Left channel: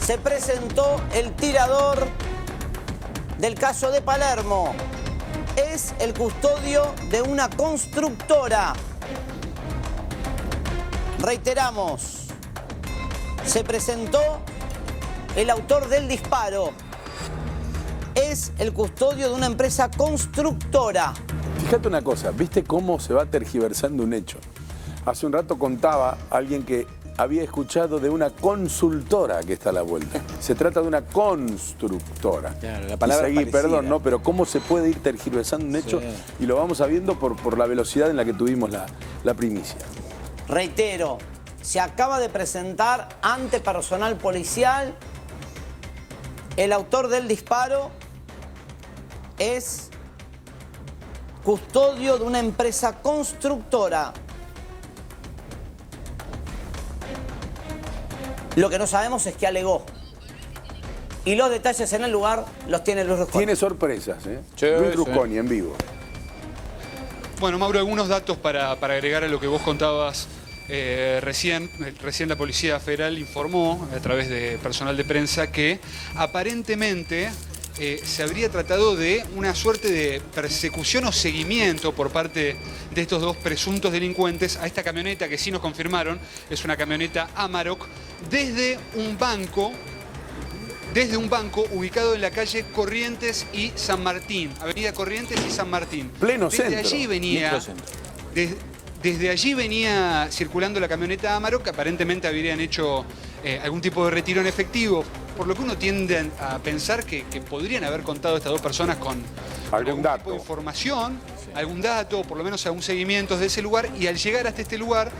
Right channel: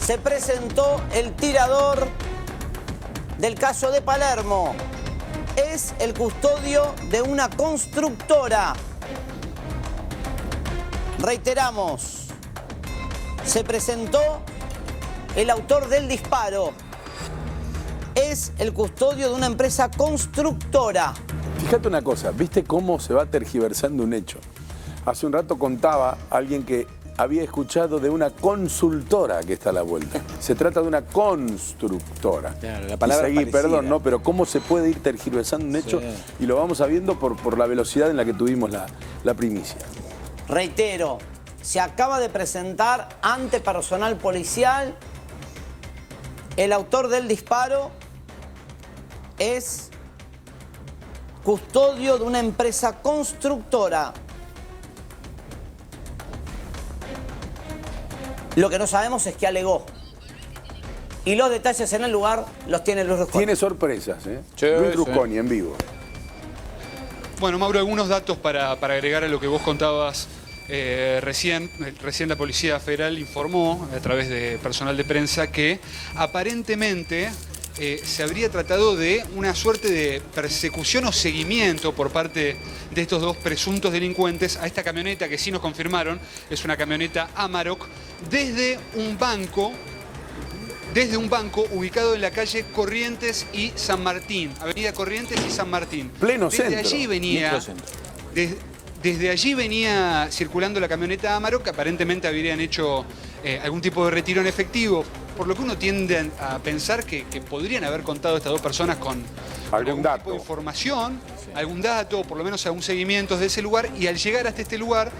Se presentó el tirador del caso de Palermo. Es el custodio de una constructora. Reiteramos, se presentó el autor del disparo. Es el custodio de una empresa constructora. Fíjate una cosa, ¿viste cómo se va tergiversando un hecho? Hace un rato contaba alguien que había escuchado de una consultora que está a la vuelta. Se trata de una constructora. Claro, la palabra y seguí, parecida. perdón, ¿no? Pero cómo se puede ir tergiversando un hecho y lo vamos sabiendo por la velocidad en la que tuvimos la primicia. Reitero, se acaba de presentar ante personal policial. El autor del disparo es custodio de una empresa constructora. Lo que no sabemos es qué alegó. Y los detalles en el lugar los tiene Luis Rusconi. Tiene sorpresas, ¿eh? Sí, Luis sí. Rusconi en vivo. Bueno, Mauro, algunos datos para agregar a lo que vos contabas recién. Recién la Policía Federal informó a través de personal de prensa que aparentemente se habría tratado de una suerte de persecución o seguimiento por parte de estos dos presuntos delincuentes a esta camioneta que sí nos confirmaron, es una camioneta Amarok, desde un banco ubicado en la calle Corrientes y San Martín, Avenida Corrientes y San Martín. Pleno Desde centro. allí venía, desde allí venía circulando la camioneta Amarok, que aparentemente habrían hecho algún tipo de retiro en efectivo, por lo que uno tiende a pensar que podrían haber contado estas dos personas con algún tipo de información, algún dato, por lo menos algún seguimiento de ese lugar, y al llegar hasta este lugar,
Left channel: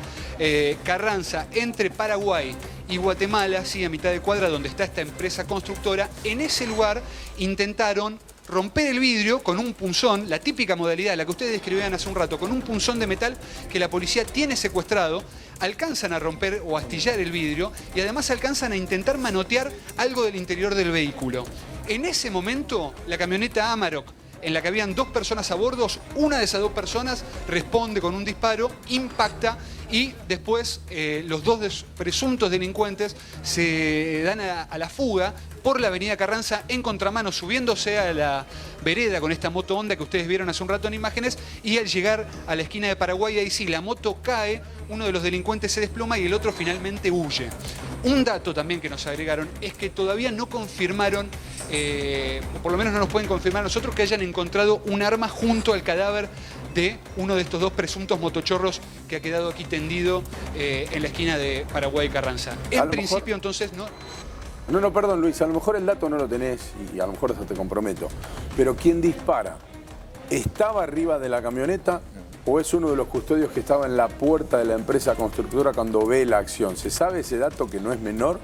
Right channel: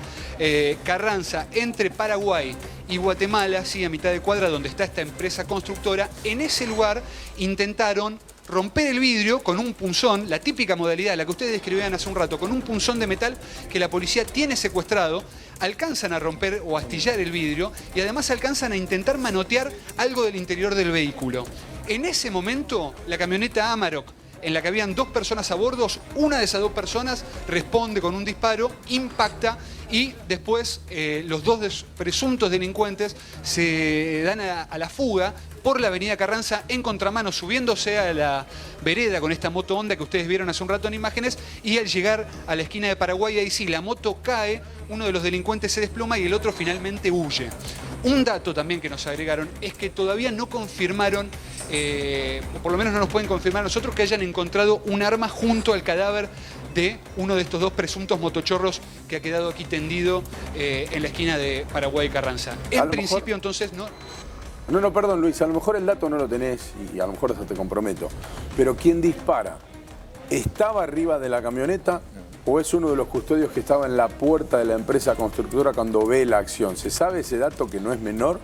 Carranza, entre Paraguay y Guatemala, sí, a mitad de cuadra donde está esta empresa constructora, en ese lugar intentaron romper el vidrio con un punzón, la típica modalidad, la que ustedes describían hace un rato, con un punzón de metal que la policía tiene secuestrado, alcanzan a romper o astillar el vidrio y además alcanzan a intentar manotear algo del interior del vehículo. En ese momento, la camioneta Amarok, en la que habían dos personas a bordo, una de esas dos personas responde con un disparo, impacta y después los dos presuntos delincuentes se dan a la fuga por la avenida Carranza en contramano, subiéndose a la vereda con esta moto Honda que ustedes vieron hace un rato en imágenes, y al llegar a la esquina de Paraguay, ahí sí, la moto cae, uno de los delincuentes se desploma y el otro finalmente huye. Un dato también que nos agregaron es que todavía no confirmaron, o por lo menos no nos pueden confirmar a nosotros, que hayan encontrado un arma junto al cadáver de uno de estos dos presuntos motochorros que ha quedado aquí tendido en la esquina de Paraguay y Carranza. En principio, entonces, no... No, perdón, Luis, a lo mejor el dato no lo tenés y a lo mejor eso te comprometo. Pero ¿quién dispara? ¿Estaba arriba de la camioneta o es uno de los custodios que estaba en la puerta de la empresa constructora cuando ve la acción? ¿Se sabe ese dato que no es menor?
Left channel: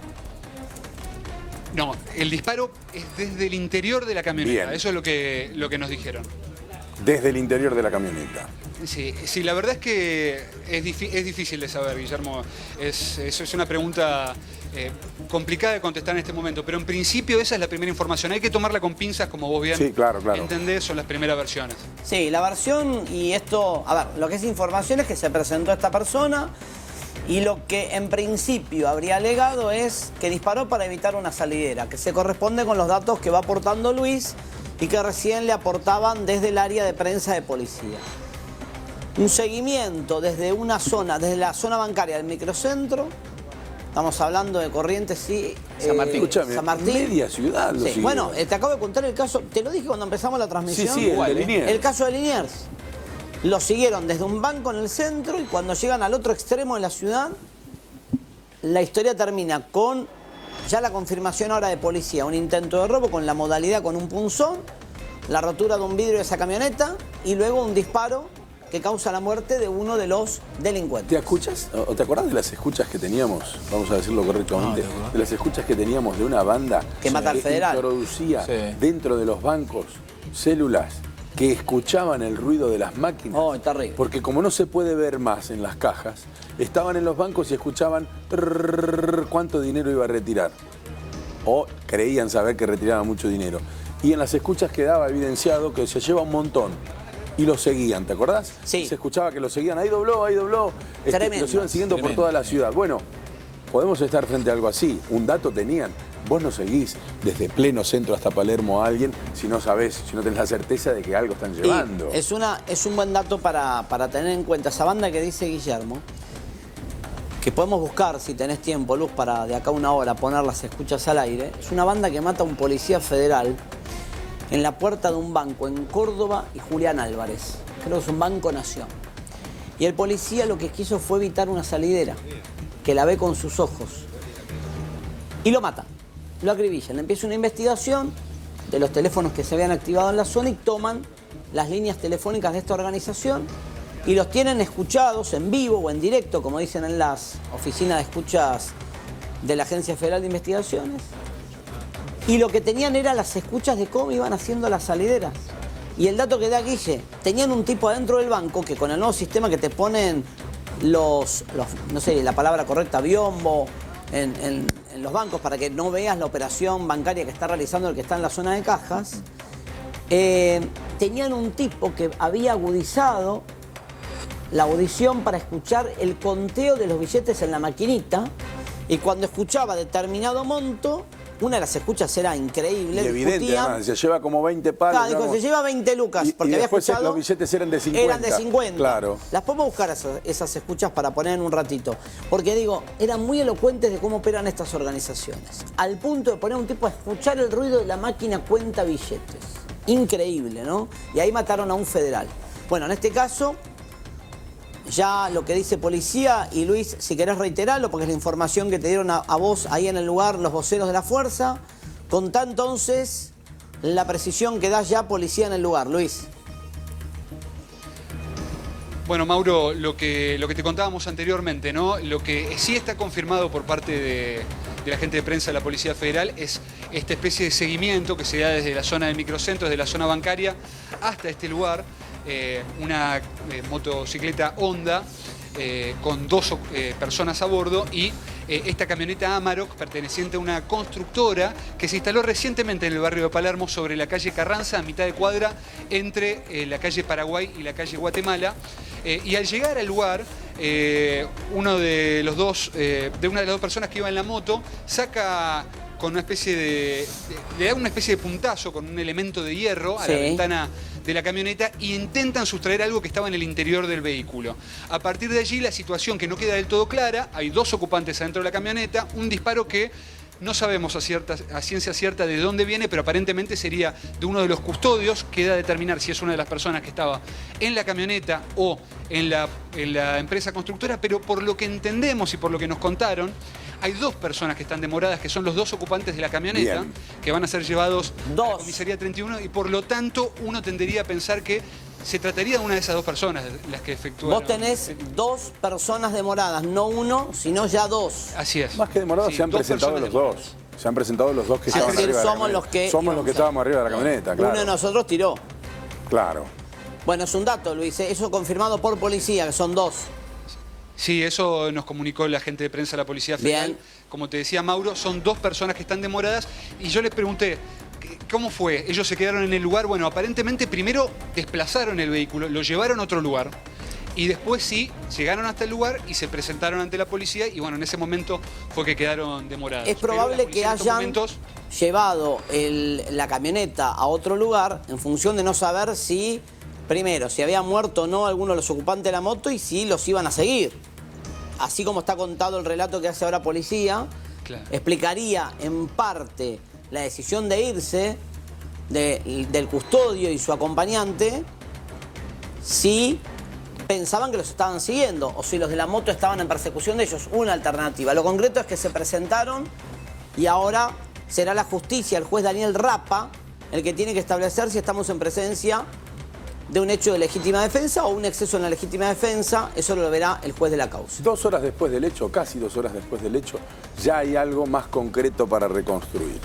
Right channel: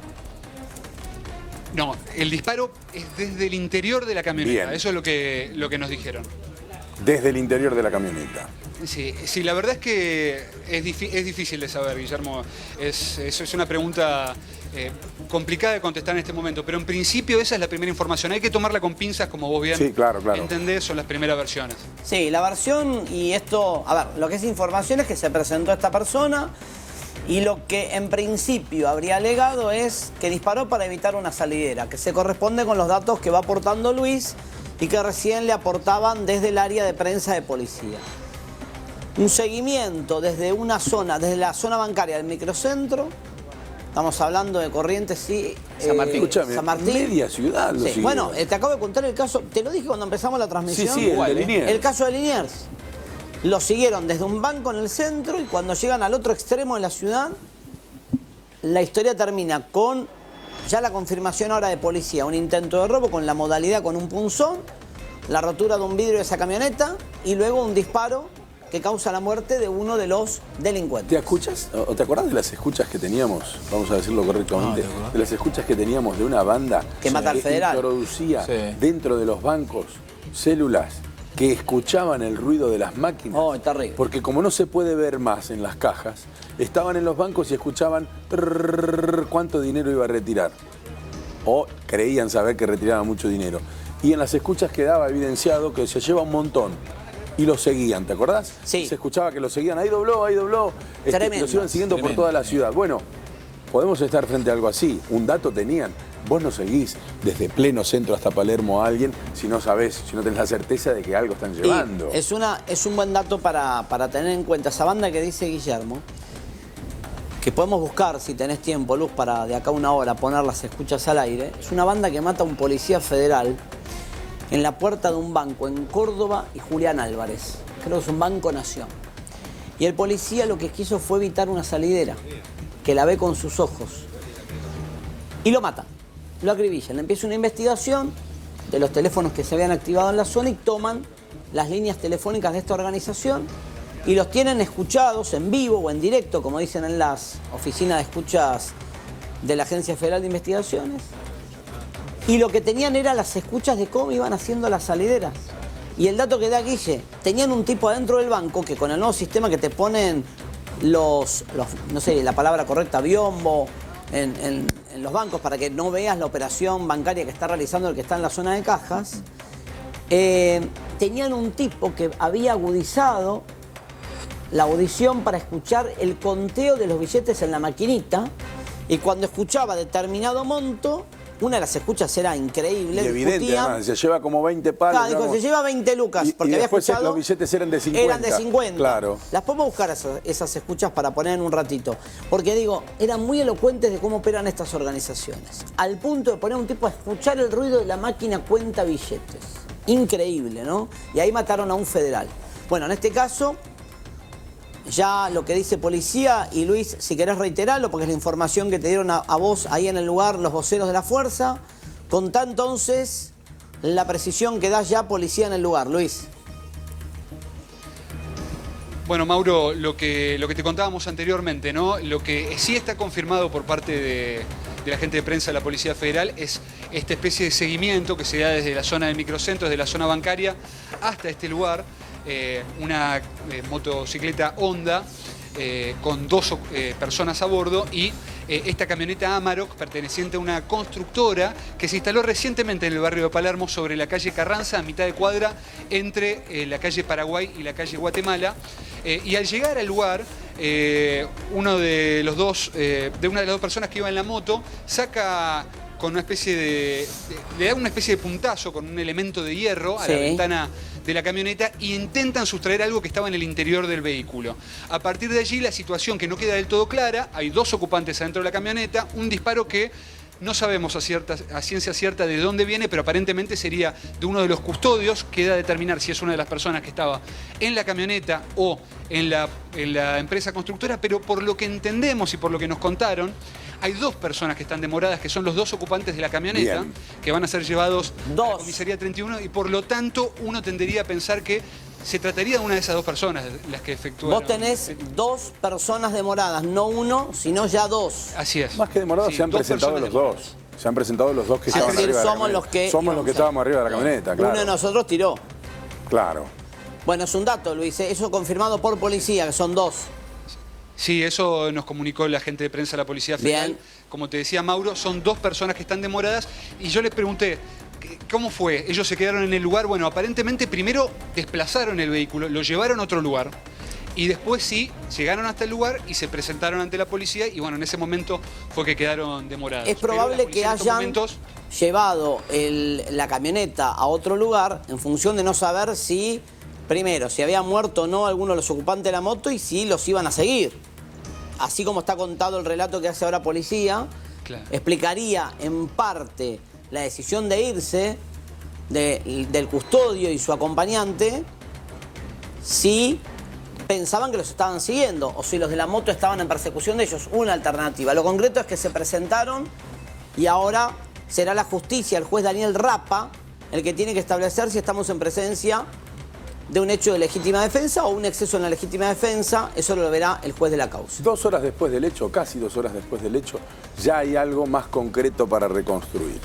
No, el disparo es desde el interior de la camioneta. Bien. Eso es lo que nos dijeron. Desde el interior de la camioneta. Sí, la verdad es que es difícil de saber, Guillermo. Es una pregunta complicada de contestar en este momento, pero en principio esa es la primera información. Hay que tomarla con pinzas, como vos bien entendés, son las primeras versiones. Sí, la versión, y esto, a ver, lo que es información es que se presentó esta persona y lo que en principio habría alegado es que disparó para evitar una salidera, que se corresponde con los datos que va aportando Luis y que recién le aportaban desde el área de prensa de policía. Un seguimiento desde una zona, desde la zona bancaria del microcentro, estamos hablando de Corrientes y San Martín. Escúchame, San Martín. Media ciudad lo Sí. Bueno, te acabo de contar el caso, te lo dije cuando empezamos la transmisión. Sí, el de Liniers. El caso de Liniers. Lo siguieron desde un banco en el centro y cuando llegan al otro extremo de la ciudad, la historia termina con ya la confirmación ahora de policía, un intento de robo con la modalidad con un punzón, la rotura de un vidrio de esa camioneta y luego un disparo que causa la muerte de uno de los delincuentes. ¿Te escuchas? ¿O te acordás de las escuchas que teníamos? Vamos a decirlo correctamente. De las escuchas que teníamos de una banda que mata al federal. Introducía dentro de los bancos células que escuchaban el ruido de las máquinas. Oh, es terrible. Porque como no se puede ver más en las cajas, estaban en los bancos y escuchaban cuánto dinero iba a retirar. O creían saber que retiraba mucho dinero. Y en las escuchas quedaba evidenciado que se lleva un montón. Y lo seguían, ¿te acordás? Sí. Se escuchaba que lo seguían, ahí dobló. Los iban siguiendo por toda la ciudad. Bueno, podemos estar frente a algo así. Un dato tenían. Vos no seguís desde pleno centro hasta Palermo a alguien si no sabés, si no tenés la certeza de que algo están llevando. Y es un buen dato para tener en cuenta. Esa banda que dice Guillermo, que podemos buscar, si tenés tiempo, Luz, para de acá a una hora poner las escuchas al aire, es una banda que mata a un policía federal en la puerta de un banco en Córdoba y Julián Álvarez. Creo que es un Banco Nación. Y el policía lo que quiso fue evitar una salidera, que la ve con sus ojos. Y lo mata, lo acribillan. Empieza una investigación de los teléfonos que se habían activado en la zona y toman las líneas telefónicas de esta organización y los tienen escuchados en vivo o en directo, como dicen en las oficinas de escuchas de la Agencia Federal de Investigaciones. Y lo que tenían era las escuchas de cómo iban haciendo las salideras. Y el dato que da Guille, tenían un tipo adentro del banco que con el nuevo sistema que te ponen los no sé la palabra correcta, biombo, en los bancos para que no veas la operación bancaria que está realizando el que está en la zona de cajas, tenían un tipo que había agudizado la audición para escuchar el conteo de los billetes en la maquinita, y cuando escuchaba determinado monto, una de las escuchas era increíble. Y evidente, además, se lleva como 20 palos. Claro, dijo, se lleva 20 lucas. Porque y había después escuchado, los billetes eran de 50. Eran de 50. Claro. Las podemos buscar esas escuchas para poner en un ratito. Porque digo, eran muy elocuentes de cómo operan estas organizaciones. Al punto de poner un tipo a escuchar el ruido de la máquina cuenta billetes. Increíble, ¿no? Y ahí mataron a un federal. Bueno, en este caso, ya lo que dice policía, y Luis, si querés reiterarlo, porque es la información que te dieron a vos ahí en el lugar los voceros de la fuerza. Contá entonces la precisión que da ya policía en el lugar, Luis. Bueno, Mauro, lo que te contábamos anteriormente, ¿no? Lo que sí está confirmado por parte de la gente de prensa de la Policía Federal es esta especie de seguimiento que se da desde la zona de microcentro, desde la zona bancaria hasta este lugar. Una motocicleta Honda con 2 personas a bordo y esta camioneta Amarok perteneciente a una constructora que se instaló recientemente en el barrio de Palermo sobre la calle Carranza, a mitad de cuadra entre la calle Paraguay y la calle Guatemala. Y al llegar al lugar, una de las dos personas que iba en la moto saca con una especie le da una especie de puntazo con un elemento de hierro a la ventana de la camioneta e intentan sustraer algo que estaba en el interior del vehículo. A partir de allí la situación que no queda del todo clara, hay 2 ocupantes adentro de la camioneta, un disparo que no sabemos a ciencia cierta de dónde viene, pero aparentemente sería de uno de los custodios, queda determinar si es una de las personas que estaba en la camioneta o en la empresa constructora, pero por lo que entendemos y por lo que nos contaron, hay 2 personas que están demoradas, que son los 2 ocupantes de la camioneta, bien, que van a ser llevados a la comisaría 31, y por lo tanto uno tendería a pensar que se trataría de una de esas 2 personas las que efectúan. Vos tenés 2 personas demoradas, no 1, sino ya 2. Así es. Más que demorados, se han presentado los 2. Se han presentado los 2 que estaban arriba de la camioneta. Somos los que estábamos arriba de la camioneta, claro. Uno de nosotros tiró. Claro. Bueno, es un dato, Luis, eso confirmado por policía, que son 2. Sí, eso nos comunicó la gente de prensa de la Policía Federal. Bien. Como te decía Mauro, son 2 personas que están demoradas y yo les pregunté, ¿cómo fue? Ellos se quedaron en el lugar. Bueno, aparentemente primero desplazaron el vehículo, lo llevaron a otro lugar y después sí, llegaron hasta el lugar y se presentaron ante la policía y bueno, en ese momento fue que quedaron demorados. Es probable que hayan llevado la camioneta a otro lugar en función de no saber si, primero, si había muerto o no alguno de los ocupantes de la moto y si los iban a seguir. Así como está contado el relato que hace ahora policía, claro, explicaría en parte la decisión de irse del custodio y su acompañante si pensaban que los estaban siguiendo o si los de la moto estaban en persecución de ellos. Una alternativa. Lo concreto es que se presentaron y ahora será la justicia, el juez Daniel Rapa, el que tiene que establecer si estamos en presencia de un hecho de legítima defensa o un exceso en la legítima defensa. Eso lo verá el juez de la causa. 2 horas después del hecho, casi 2 horas después del hecho, ya hay algo más concreto para reconstruir.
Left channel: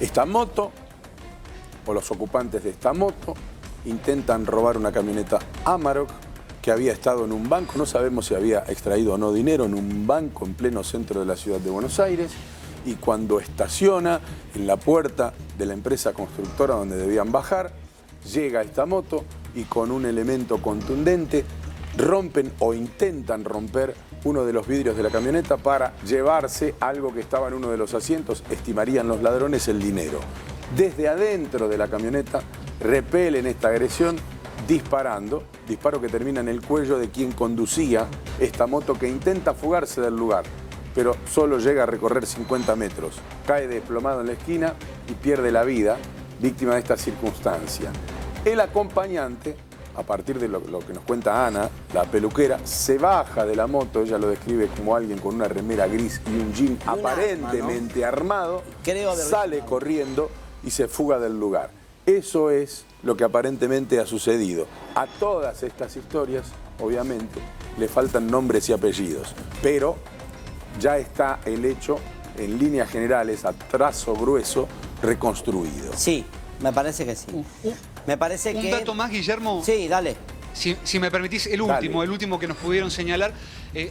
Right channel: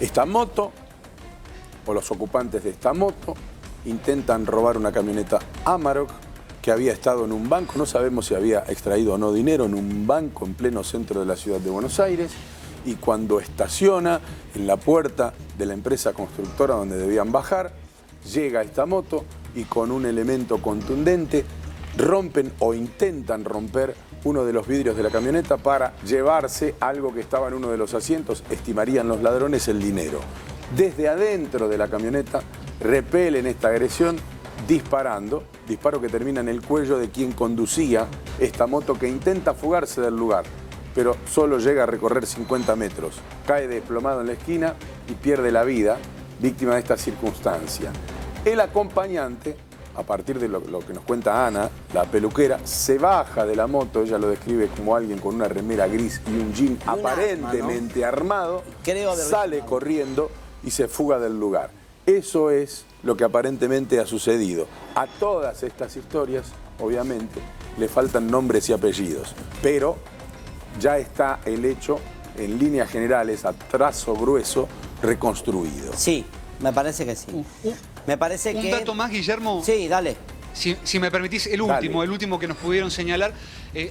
Esta moto, o los ocupantes de esta moto, intentan robar una camioneta Amarok que había estado en un banco, no sabemos si había extraído o no dinero, en un banco en pleno centro de la ciudad de Buenos Aires, y cuando estaciona en la puerta de la empresa constructora donde debían bajar, llega esta moto y con un elemento contundente rompen o intentan romper uno de los vidrios de la camioneta para llevarse algo que estaba en uno de los asientos, estimarían los ladrones el dinero. Desde adentro de la camioneta repelen esta agresión disparando, disparo que termina en el cuello de quien conducía esta moto, que intenta fugarse del lugar, pero solo llega a recorrer 50 metros. Cae desplomado en la esquina y pierde la vida, víctima de esta circunstancia. El acompañante, a partir de lo que nos cuenta Ana, la peluquera, se baja de la moto, ella lo describe como alguien con una remera gris y un jean aparentemente armado, sale corriendo y se fuga del lugar. Eso es lo que aparentemente ha sucedido. A todas estas historias, obviamente, le faltan nombres y apellidos, pero ya está el hecho, en líneas generales, a trazo grueso, reconstruido. Sí, me parece que sí. Me parece que... Un dato más, Guillermo. Sí, dale. Si me permitís, el último que nos pudieron señalar,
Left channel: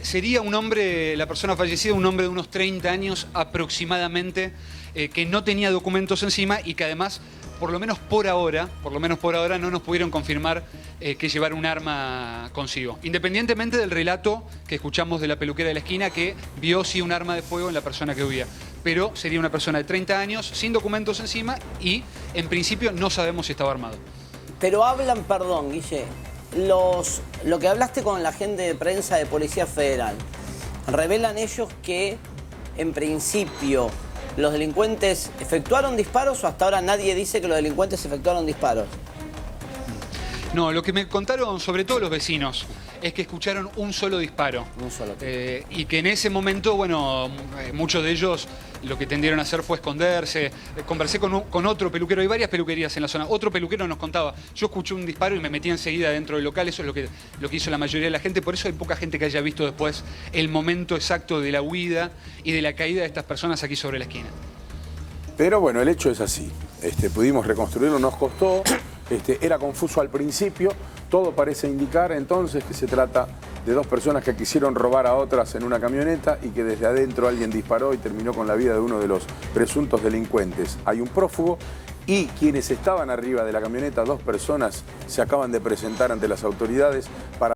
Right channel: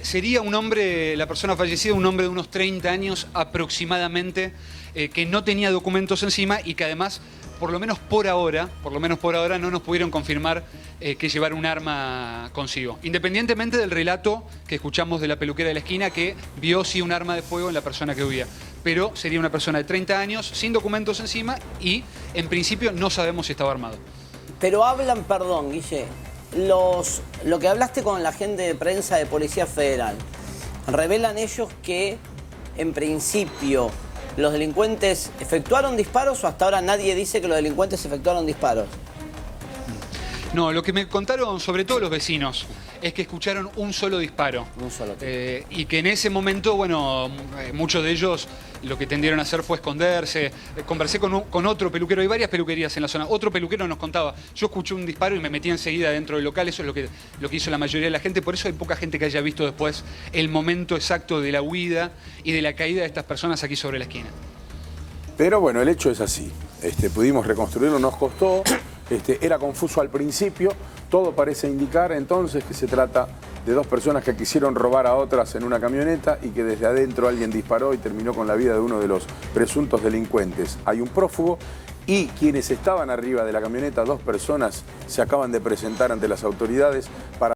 sería un hombre, la persona fallecida, un hombre de unos 30 años aproximadamente, que no tenía documentos encima y que además, por lo menos por ahora, no nos pudieron confirmar que llevara un arma consigo. Independientemente del relato que escuchamos de la peluquera de la esquina, que vio sí un arma de fuego en la persona que huía. Pero sería una persona de 30 años, sin documentos encima y, en principio, no sabemos si estaba armado. Pero hablan, perdón, Guille, lo que hablaste con la gente de prensa de Policía Federal, revelan ellos que, en principio, ¿los delincuentes efectuaron disparos o hasta ahora nadie dice que los delincuentes efectuaron disparos? No, lo que me contaron sobre todo los vecinos es que escucharon un solo disparo. Un solo. Y que en ese momento, bueno, muchos de ellos lo que tendieron a hacer fue esconderse. Conversé con otro peluquero, hay varias peluquerías en la zona. Otro peluquero nos contaba, yo escuché un disparo y me metí enseguida dentro del local. Eso es lo que hizo la mayoría de la gente. Por eso hay poca gente que haya visto después el momento exacto de la huida y de la caída de estas personas aquí sobre la esquina. Pero bueno, el hecho es así. Pudimos reconstruirlo, nos costó, era confuso al principio, todo parece indicar entonces que se trata de dos personas que quisieron robar a otras en una camioneta y que desde adentro alguien disparó y terminó con la vida de uno de los presuntos delincuentes. Hay un prófugo y quienes estaban arriba de la camioneta, dos personas, se acaban de presentar ante las autoridades para